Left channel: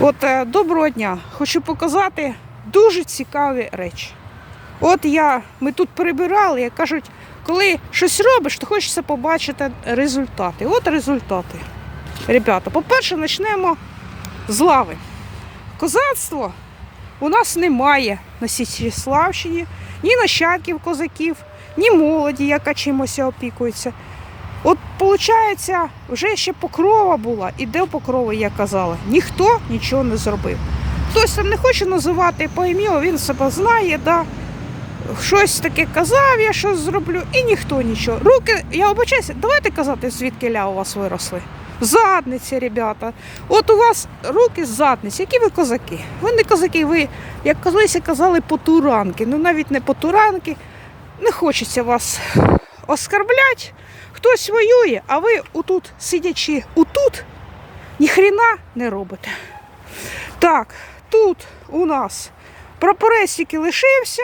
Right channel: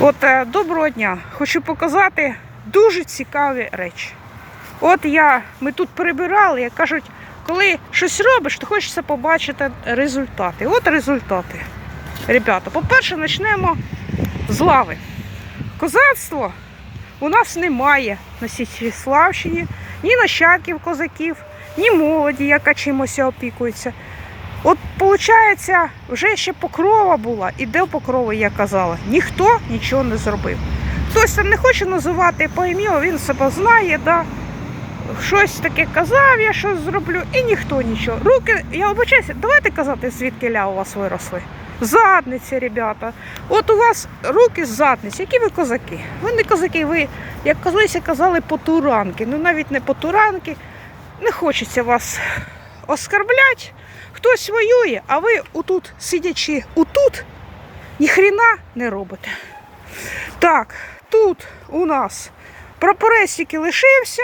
От е, доброго дня. Хочу показати дуже цікаві речі. От я, ми тут прибирали, як кажуть, коли щось робиш, то хочеться побачити результати. От результати. Ребята, по-перше, почнемо з лави. Козацтво у нас немає на Січеславщині, ні нащадків козаків, ні молоді, яка чимось опікується. От, виходить, вже ще покрова була, і де покрова, я казала, ніхто нічого не зробив. Хтось там не хоче називати по ім'ю, він себе знає, да. щось таке казав, я щось зроблю, і ніхто нічого. Руки, я обичаюся, давайте казати, звідки ля у вас виросли. Задниці, ребята. От у вас руки з задниці, які ви козаки. Ви не козаки, ви, як колись казали, потуранки. Ну навіть не потуранки. Не хочеться вас оскарбляти. Хтось воює, а ви отут, сидячи отут, ніхрена не робите. Так, тут у нас прапорець тільки лишився.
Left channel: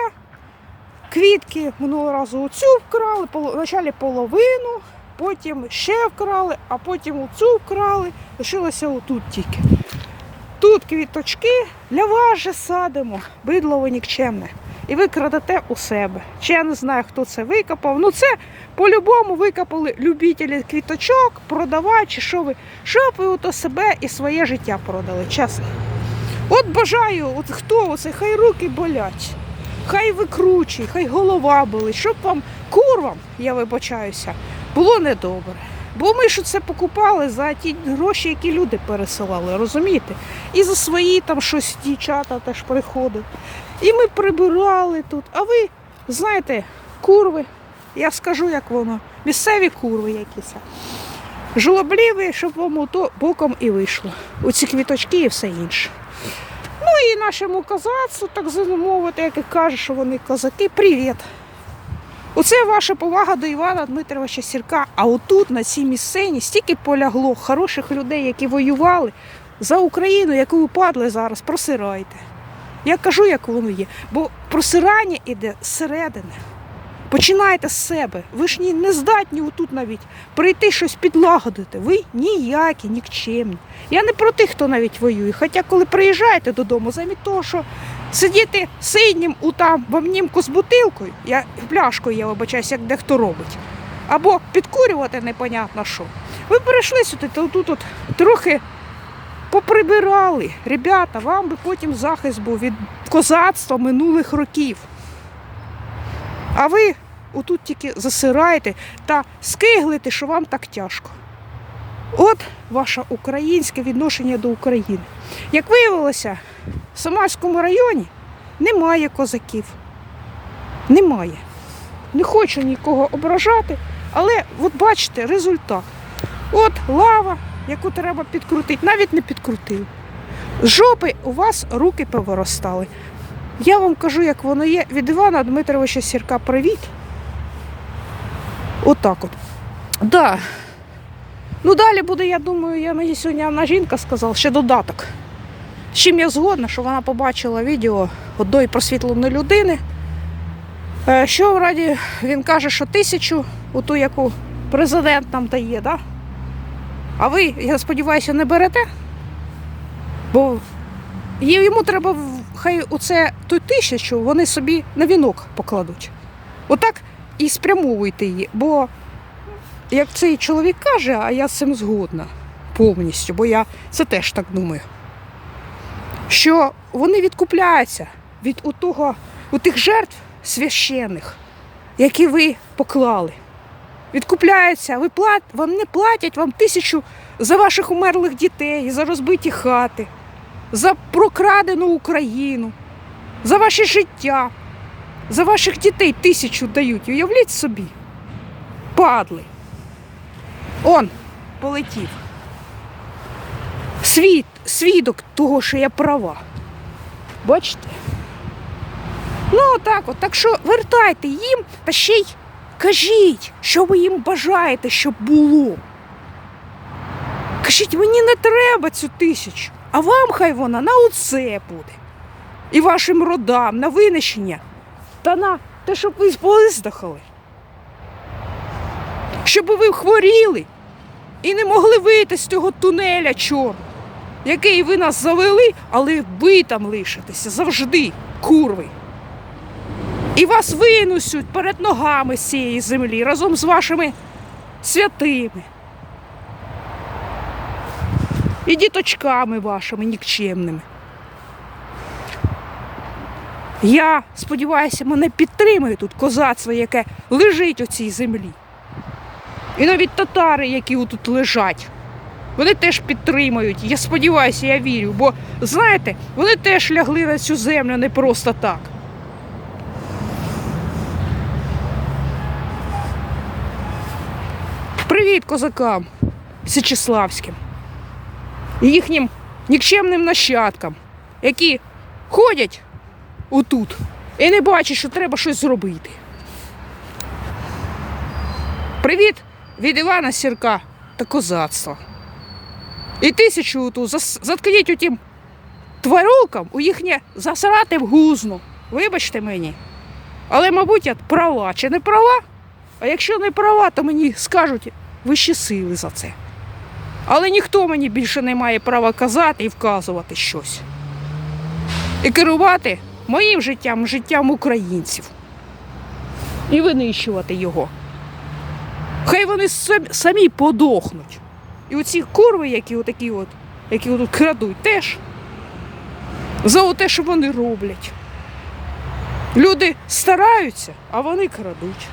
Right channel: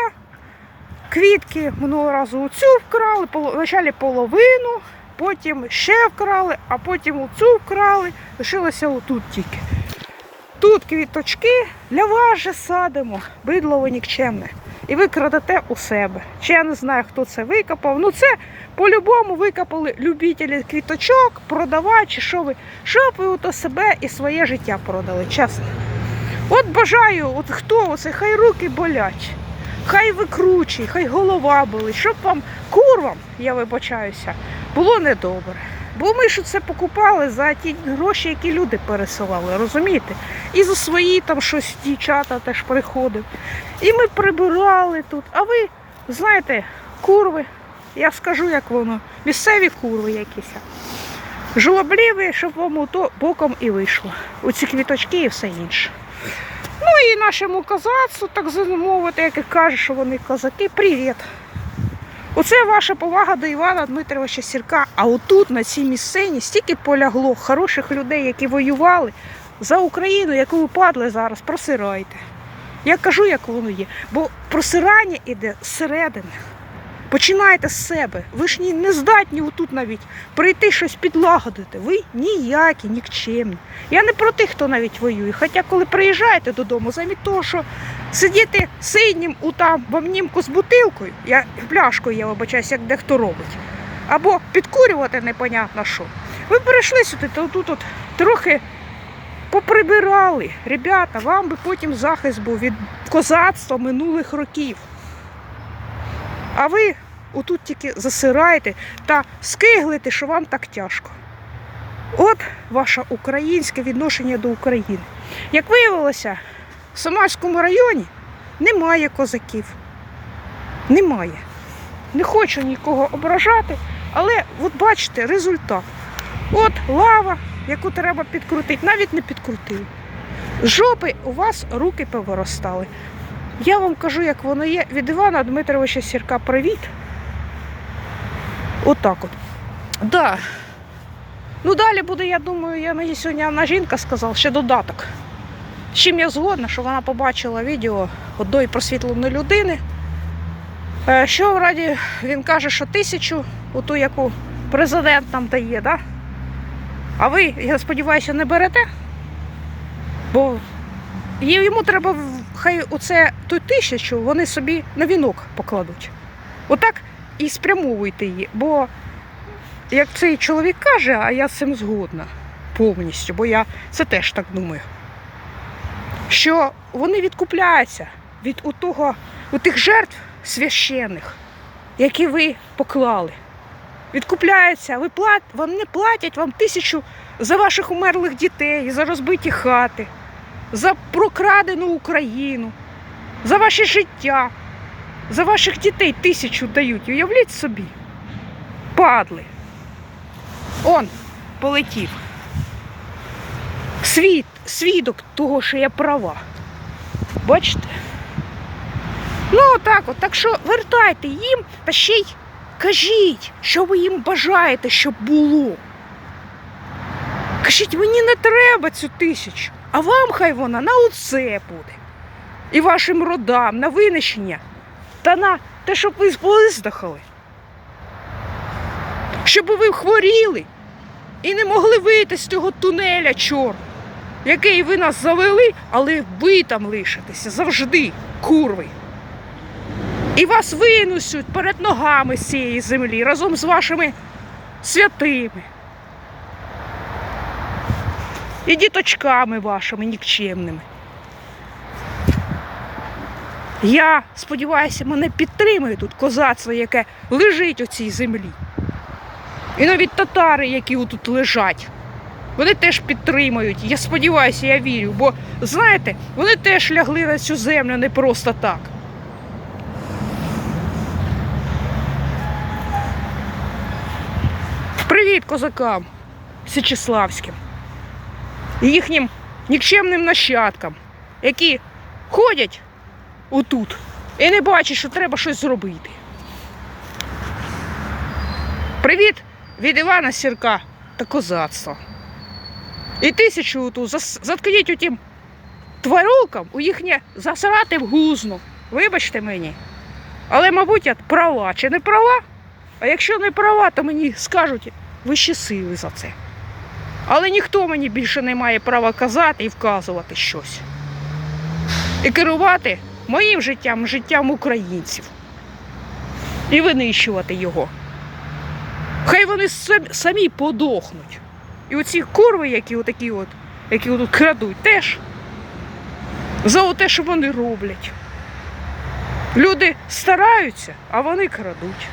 Квітки минулого разу оцю вкрали, вначалі половину, потім ще вкрали, а потім оцю вкрали. Лишилося отут тільки. Тут квіточки для вас же садимо, бидло ви нікчемне. І ви крадете у себе. Чи я не знаю, хто це викопав. Ну це по-любому викопали любителі квіточок, продавати, чи що ви, щоб ви ото себе і своє життя продали, чесно. От бажаю, от хто оце, хай руки болять, хай викручує, хай голова болить, щоб вам, курвам, я вибачаюся, було недобре. Бо ми ж це покупали за ті гроші, які люди пересилали, розумієте? І за свої там щось дівчата теж приходили. І ми прибирали тут. А ви знаєте, курви, я скажу, як воно, місцеві курви якісь. Жолобліві, щоб вам ото боком і вийшло. Оці квіточки і все інше. Ну і нашому козацтву, так замовити, як і каже, що вони козаки, привіт. Оце ваша повага до Івана Дмитровича Сірка. А отут, на цій місцині, стільки полягло хороших людей, які воювали за Україну, яку ви падли зараз, просирайте. Я кажу, як воно є. Бо просирання іде зсередини. Починайте з себе. Ви ж не здатні отут навіть прийти щось підлагодити. Ви ніякі, нікчемні. Я не про тих, хто навіть воює. Хоча, коли приїжджаєте додому, замість того, що сидіти синім у там в обнімку з бутилкою, я пляшкою, я вибачаюся, як дехто робить. Або підкурювати непонятно що. Ви перейшли сюди, то тут от трохи поприбирали. Ребята, вам би потім захист був від козацтва минулих років. А ви отут тільки засираєте та скиглите, що вам так тяжко. От ваше українське відношення до України. Як виявилося, в Самарському районі немає козаків. Немає. Не хочу нікого ображати, але от бачите результат. От лава, яку треба підкрутити, навіть не підкрутили. З жопи у вас руки повиростали. Я вам кажу, як воно є. Від Івана Дмитровича Сірка привіт. Отак от. Да. Ну далі буде, я думаю, я мені сьогодні одна жінка сказала, ще додаток. З чим я згодна, що вона побачила відео одної просвітленої людини. Е, Що раді він каже, що тисячу, оту, яку президент нам дає, да? а ви, я сподіваюся, не берете? Бо йому треба хай оце ту тисячу вони собі на вінок покладуть. Отак і спрямовуйте її. Бо як цей чоловік каже, а я з цим згодна повністю, бо я це теж так думаю. Що вони відкупляються від отого, тих жертв священних, які ви поклали. Відкупляються, ви плат, вони платять вам тисячу за ваших умерлих дітей, за розбиті хати за прокрадену Україну, за ваше життя, за ваших дітей тисячу дають. Уявліть собі. Падли. Он полетів. Світ, свідок того, що я права. Бачите? Ну, отак от. Так що вертайте їм та ще й кажіть, що ви їм бажаєте, щоб було. Кажіть, мені не треба цю тисячу, а вам хай вона на оце буде. І вашим родам на винищення та на те, щоб ви виздихали. Щоб ви хворіли і не могли вийти з цього тунеля чорного. який ви нас завели, але ви там лишитеся завжди, курви. І вас винесуть перед ногами з цієї землі разом з вашими святими. І діточками вашими нікчемними. Я сподіваюся, мене підтримує тут козацтво, яке лежить у цій землі. І навіть татари, які тут лежать, вони теж підтримують. Я сподіваюся, я вірю, бо знаєте, вони теж лягли на цю землю не просто так. Привіт козакам Січеславським і їхнім нікчемним нащадкам, які ходять отут і не бачать, що треба щось зробити. Привіт від Івана Сірка та козацтва. І тисячу оту заткніть у тим тварюкам у їхнє засрати в гузно. Вибачте мені. Але, мабуть, я права чи не права? А якщо не права, то мені скажуть вищі сили за це. Але ніхто мені більше не має права казати і вказувати щось. І керувати моїм життям, життям українців. І винищувати його. Хай вони самі, подохнуть. І оці курви, які отакі от, які тут крадуть, теж за те, що вони роблять. Люди стараються, а вони крадуть.